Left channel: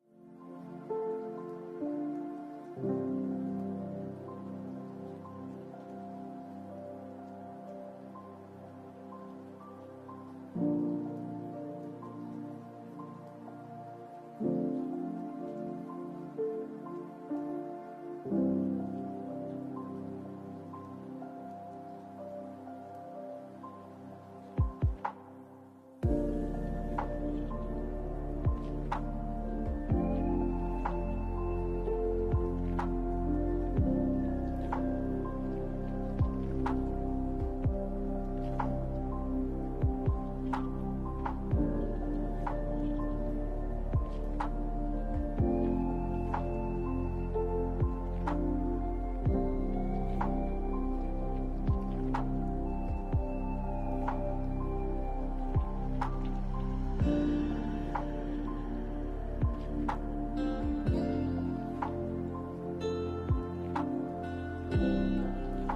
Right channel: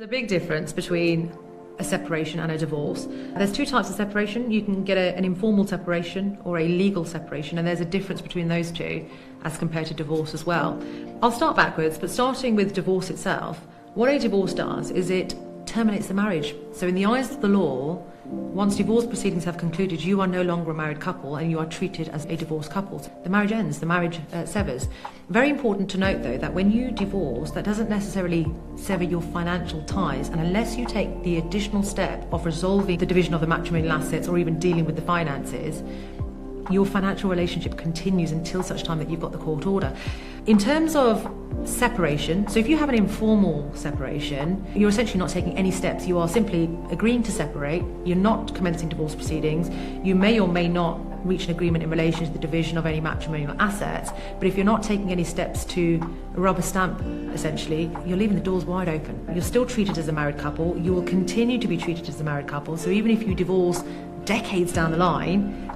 There's a big difference between a separation and a divorce. There's two types of separation. You can get an informal separation or a legal separation, and there's a difference between those two as compared to divorce as well. I'll start backwards, but starting with divorce itself, what a divorce does is it terminates the marriage. So in the eyes of the law, once divorce proceedings have concluded, you are no longer a married couple and you are treated as a divorced couple. The marriage ends, the marriage severs. Very important to note though that when you divorce, that doesn't necessarily sever your financial ties, and unless you take the additional step of resolving the division of the matrimonial assets or even dealing with the finances, your financial relationship continues until such time that you've got the court order. In terms of separation, so if you have an informal separation, you're essentially not taking any steps. You are simply agreeing to separate. You're not commencing divorce proceedings. You may or may not reach an agreement in relation to the division of any matrimonial assets, but if you're not taking any steps to rubber stamp, essentially, you're leaving the doors wide open. You're still treated as a married couple. You will continue to be treated as a married couple. So even if you divorce decades down the line,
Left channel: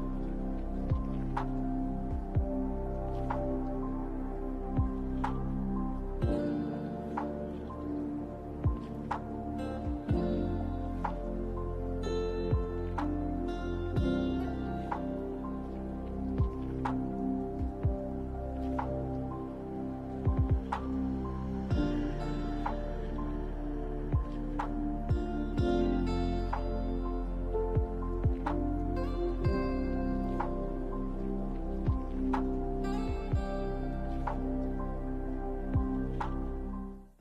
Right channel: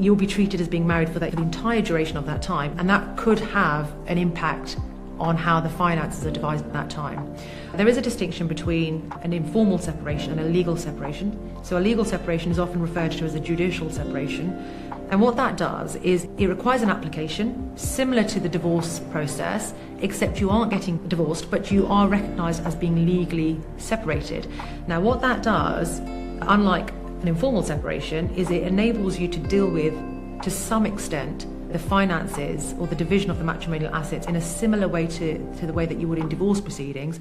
you'll be treated as being married for the entire duration of that time, and that could have an impact on how the finances are divided at that time. There is a distinction between an informal separation and a legal separation. So a legal separation is often referred to as a judicial separation, and what that does is it requires an application similar to the divorce process, except you aren't getting divorced, but you are recognised as being legally separated. Now what that does, unlike an informal separation, is it enables you to deal with, to some extent, the finances or the division of the matrimonial assets in a similar way to the way that you would in divorce proceedings.